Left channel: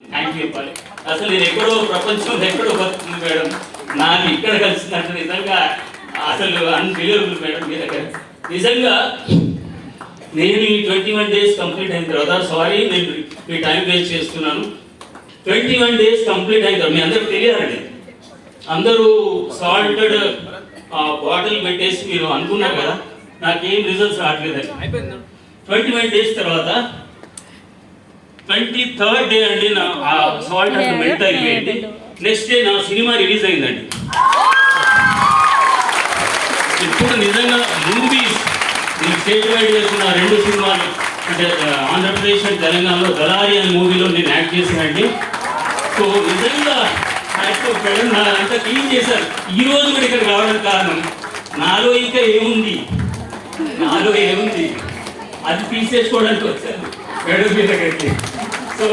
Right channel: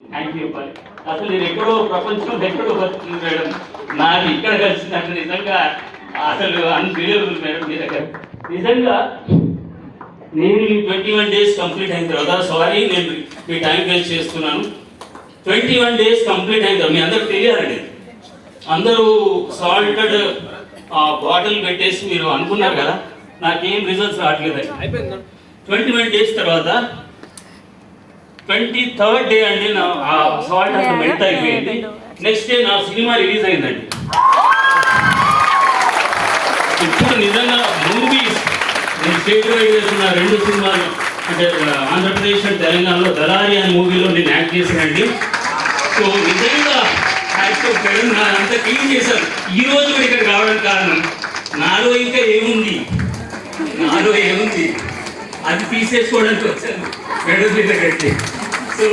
Thank you అసలు నేను ఎక్కడో ప్రపంచంలో ఎక్కడో బతుకుతుంది మేడం, నాకు ఇక్కడ కలిసిందంటే నిజంగా అసలు అన్బిలీవబుల్ మేడం. మీ దగ్గర నిజంగా నేను ఈ 21 days కంప్లీట్ అయిన తర్వాత, సారీ నేను మీ టైం వేస్ట్ చేస్తున్నాను, 21 days కంప్లీట్ అయిన తర్వాత మీ అందరికి తెలియాలండి. అందరూ సాల్టెడ్ బాటిల్ పెట్టేసి మీరు అనుకున్నారు కదా, నాకేం రిజల్ట్స్ రావట్లేదు. 21 days తర్వాత 23rd డే అండి నా సాల్ట్ అంతా మెల్ట్ అయిపోయింది. నెక్స్ట్ డే నా సినిమా రిలీజ్ అయిందండి. ఇప్పుడు నిజంగా మూవీస్ నేను స్టేట్ వైడ్ చేస్తున్న 2 సినిమాలు అంటే ఆంధ్రప్రదేశ్ అండ్ తెలంగాణలో దళారి అనే మూవీలో నేను యాక్ట్ చేశానండి. సో నిజంగా మేడం నా అంతా క్లీన్ చేశాను. ఈ రోజు కూడా ఇక్కడ రావడానికి కారణం నాలో ఇంకా ఏముంది, నాలో ఏముంది అది తీసేసుకోవడానికి వచ్చాను మేడం మీ దగ్గరికి. సో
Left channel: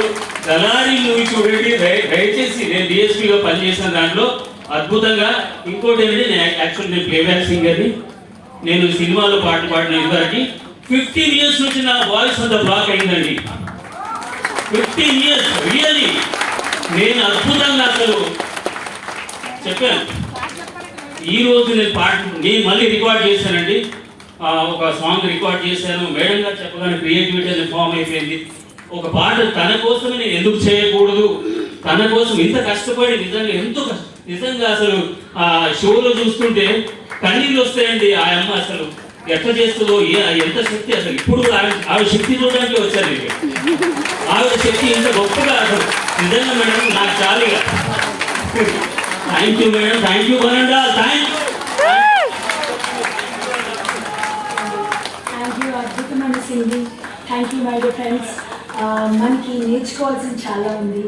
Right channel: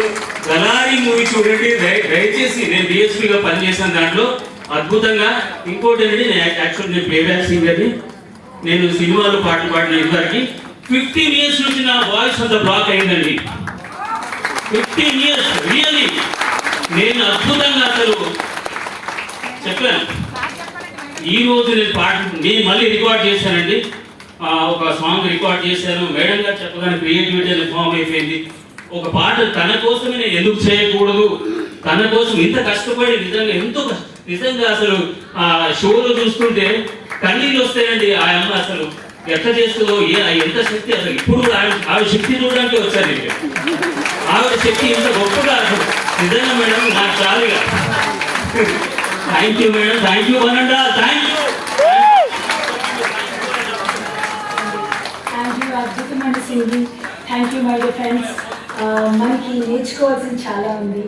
దళారి మూవీ చూడండి దయచేసి. నేను డిఎస్పీగా పనిచేసిన దాంట్లో అద్భుతంగా. ఇంకోటి ఏంటంటే నేను యాక్చువల్ నేను ప్లేబ్యాక్ సింగర్ని. నేను సినిమాలో పాటలు పాడిన ఇంతవరకు 15 years నుంచి నా వాయిస్ అంత బ్లాక్ అయిందండి. 15 years రియల్లీ నేను అద్భుతంగా అసలు చెప్పాను. ఈ రోజు నేను మళ్ళీ రికార్డ్ చేశానండి. ఒక సాంగ్ రికార్డ్ చేశాను. మేడం గారు చెప్పగానే క్రియేటివిటీ అనేది ఫామ్ అయిపోయింది. ఒక పాట తన కోసమే నేను ఎందుకు చేయకూడదు, తన కోసం ఇంత కష్టపడి నిజంగా అసలు ఆ షోలో చూస్తుంటే కన్నీళ్ళు వస్తాయండి. ఆ అమ్మ అసలు ఎట్లా చేస్తుందో, ఎంత శక్తి అసలు. ఇప్పుడు ఆవిడ శక్తి చూడడానికి వచ్చాను నేను. ఆవిడ శక్తి ఇంత గొప్పగా అసలు నిజంగా మేడం నాకు చాలా. Thank you madam, thank you వనండా, థ్యాంక్ యూ. అద్భుతమైన singing. Thank you my dear friends. మనకి నేర్చుకోవాల్సింది చాలా ఉంది.